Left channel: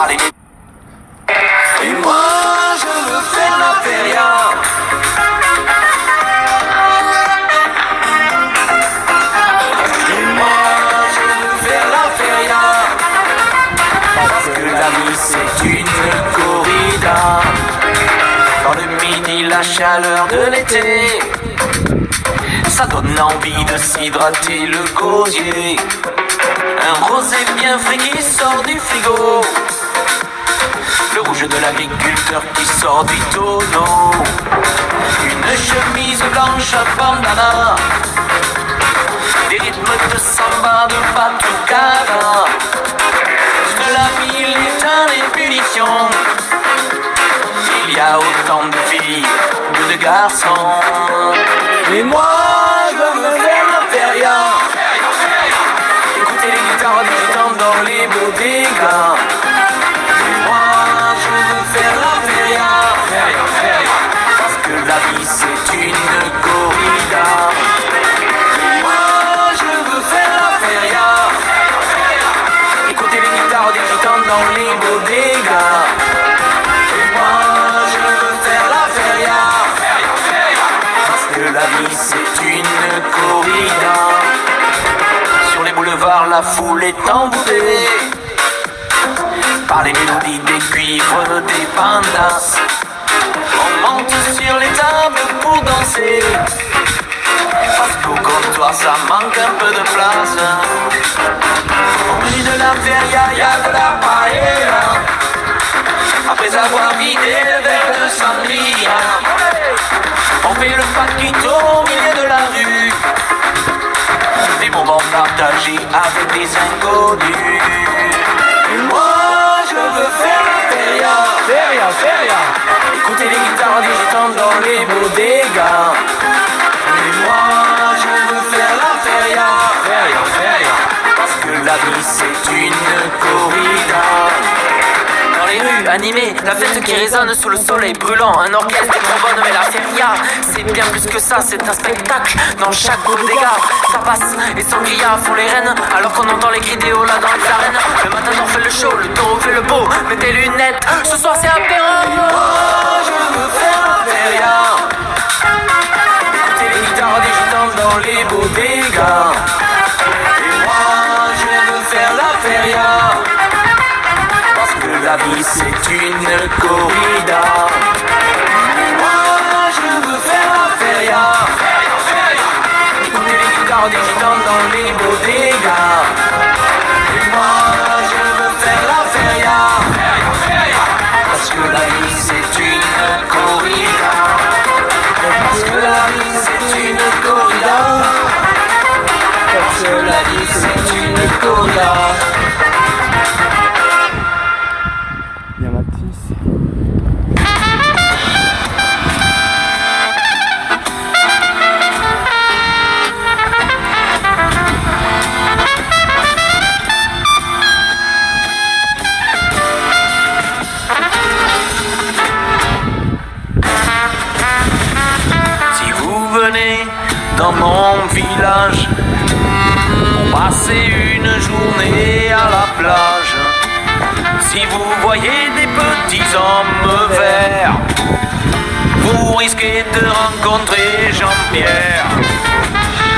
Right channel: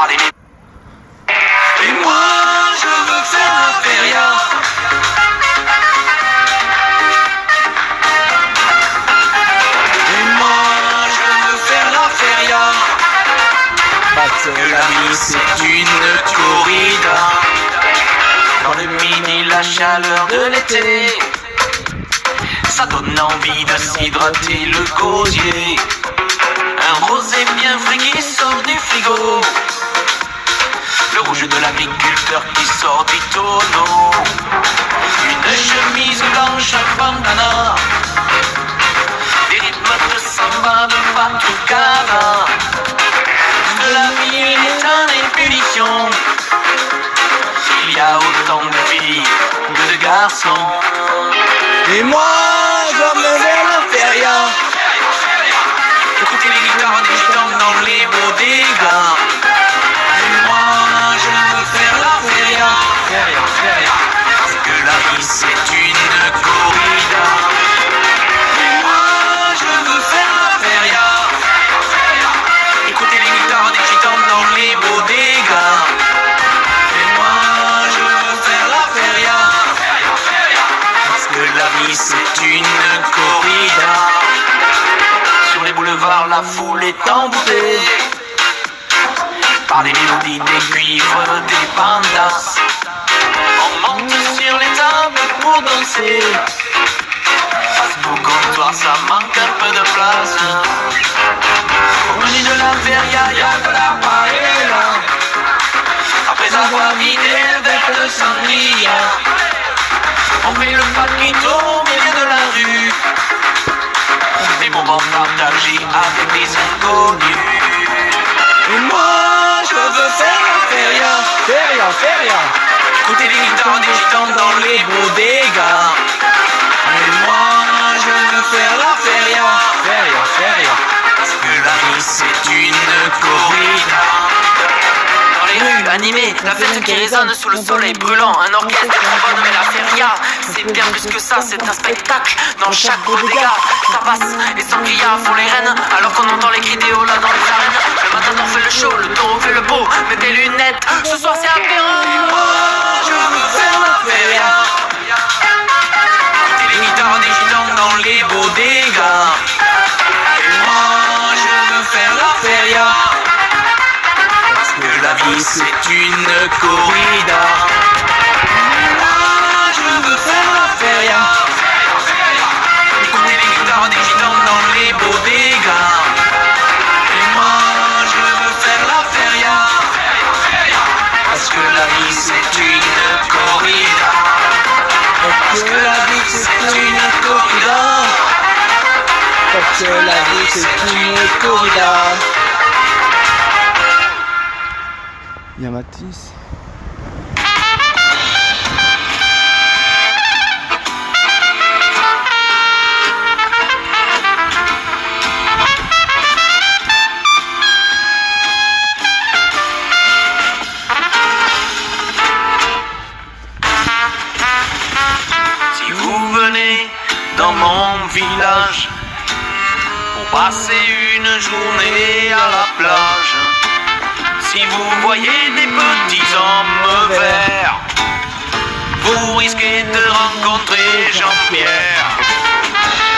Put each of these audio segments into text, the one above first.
par les médias. Et moi je veux faire la feria. Et moi je veux faire la feria. Parce que la vie c'est une corrida. Dans le midi la chaleur de l'été, ça donne envie de s'hydrater le gosier. Un rosé bien frais qui sort du frigo, le rouge de l'agriculteur qui sort du tonneau, une chemise blanche bandana, des rythmes de samba de batucada. De la ville est en ébullition, il y a autant de filles que de garçons. Et moi je veux faire la feria. Écoutez les guitares des gitans dans les bodegas. Et moi je veux faire la feria. Feria, feria. Parce que la vie c'est une corrida. Et moi je veux faire la feria. Écoutez les guitares des gitans dans les bodegas. Et moi je veux faire la feria. Parce que la vie c'est une corrida. Sur les boulevards la foule est envoûtée par les mélodies des cuivres des bandas. On monte sur les tables pour danser, parce qu'au comptoir ça manque un peu de place. Au menu de la feria y'a de la paella, après avoir vidé le verre de sangria. On fait le paquito au milieu de la rue, des moments partagés avec des inconnus. Et moi je veux faire la feria. Feria, feria. Écoutez les guitares des gitans dans les bodegas. Et moi je veux faire la feria. Feria, feria. Parce que la vie c'est une corrida. Dans les rues animées, la fête qui résonne sous le soleil brûlant, un orchestre, des trombones, mais la feria c'est bien plus que ça, c'est un spectacle dans chaque bodega. Ça passe et sangria font les reines, alors qu'on entend les cris des hauts là dans les arènes. Le matador fait le show, le taureau fait le beau, mets tes lunettes, ce soir c'est apéro. Moi je veux faire la feria. Écoutez les guitares des gitans dans les bodegas. Et moi je veux faire la feria. Parce que la vie c'est une corrida. Et moi je veux faire la feria. Écoutez les guitares des gitans dans les bodegas. Et moi je veux faire la feria. Parce que la vie c'est une corrida. Parce que la vie c'est une corrida. Parce que la vie c'est une corrida. Il y a Mathis. Si vous venez dans mon village pour passer une journée à la plage, si vous voyez des petits hommes verts, vous risquez de rencontrer Jean-Pierre.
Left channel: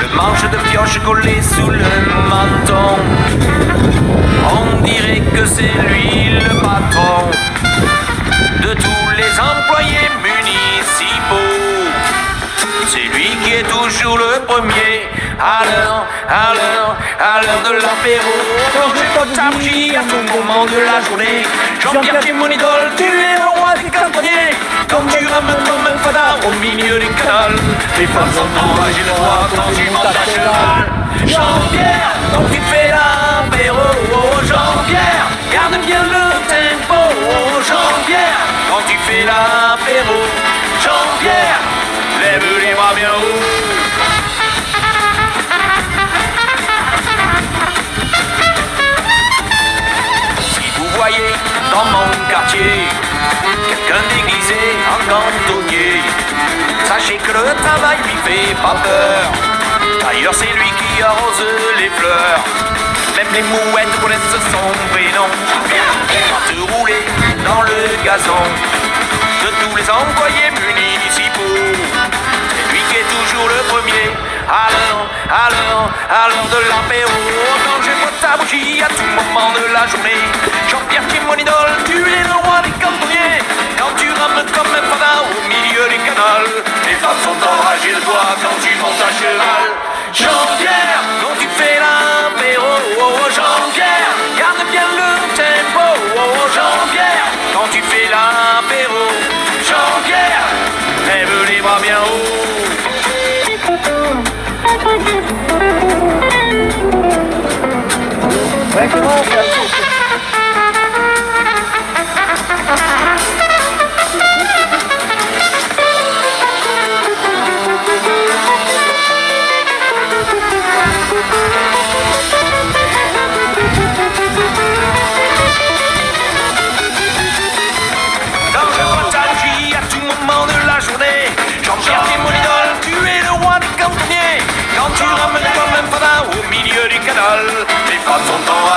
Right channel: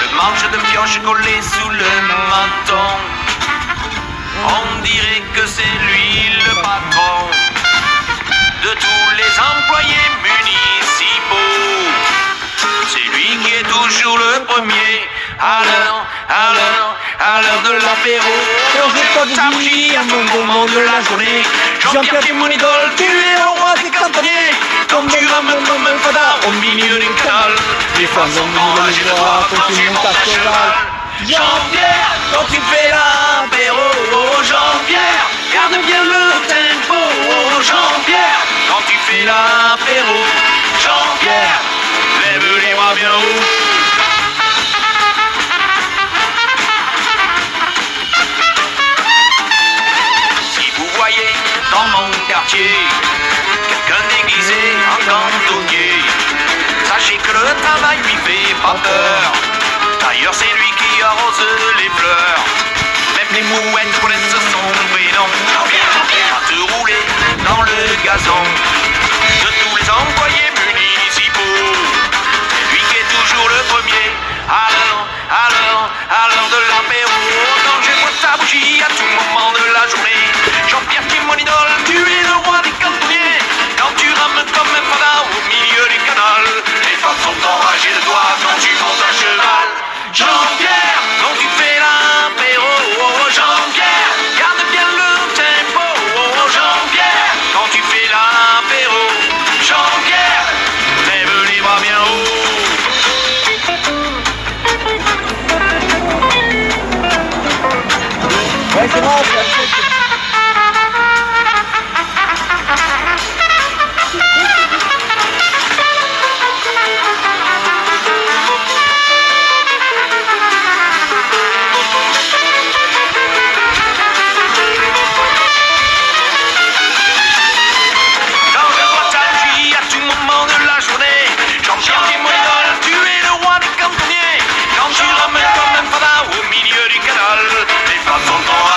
Le manche de pioche collé sous le menton, on dirait que c'est lui le patron de tous les employés municipaux. C'est lui qui est toujours le premier à l'heure de l'apéro. Quand je me t'abris à tout moment de la journée, Jean-Pierre qui est mon idole, tu es le roi des cantonniers. Quand tu ramènes comme un fada au milieu du canal, les femmes sont enragées de toi quand tu montes à cheval. Jean-Pierre, quand tu fais l'apéro, oh Jean-Pierre, garde bien le tempo, oh Jean-Pierre, quand tu fais l'apéro, Jean-Pierre, lève les bras bien haut. Si vous voyez dans mon quartier quelqu'un déguisé en cantonnier, sachez que le travail lui fait pas peur. D'ailleurs c'est lui qui arrose les fleurs. Même les mouettes connaissent son prénom. te rouler dans le gazon de tous les employés municipaux. C'est lui qui est toujours le premier à l'heure de l'apéro. Quand j'écoute ta bougie à tout moment de la journée, Jean-Pierre qui est mon idole, tu es le roi des cantonniers. Quand tu rames comme un fada au milieu du canal, les femmes sont enragées de toi quand tu montes à cheval. Jean-Pierre, quand tu fais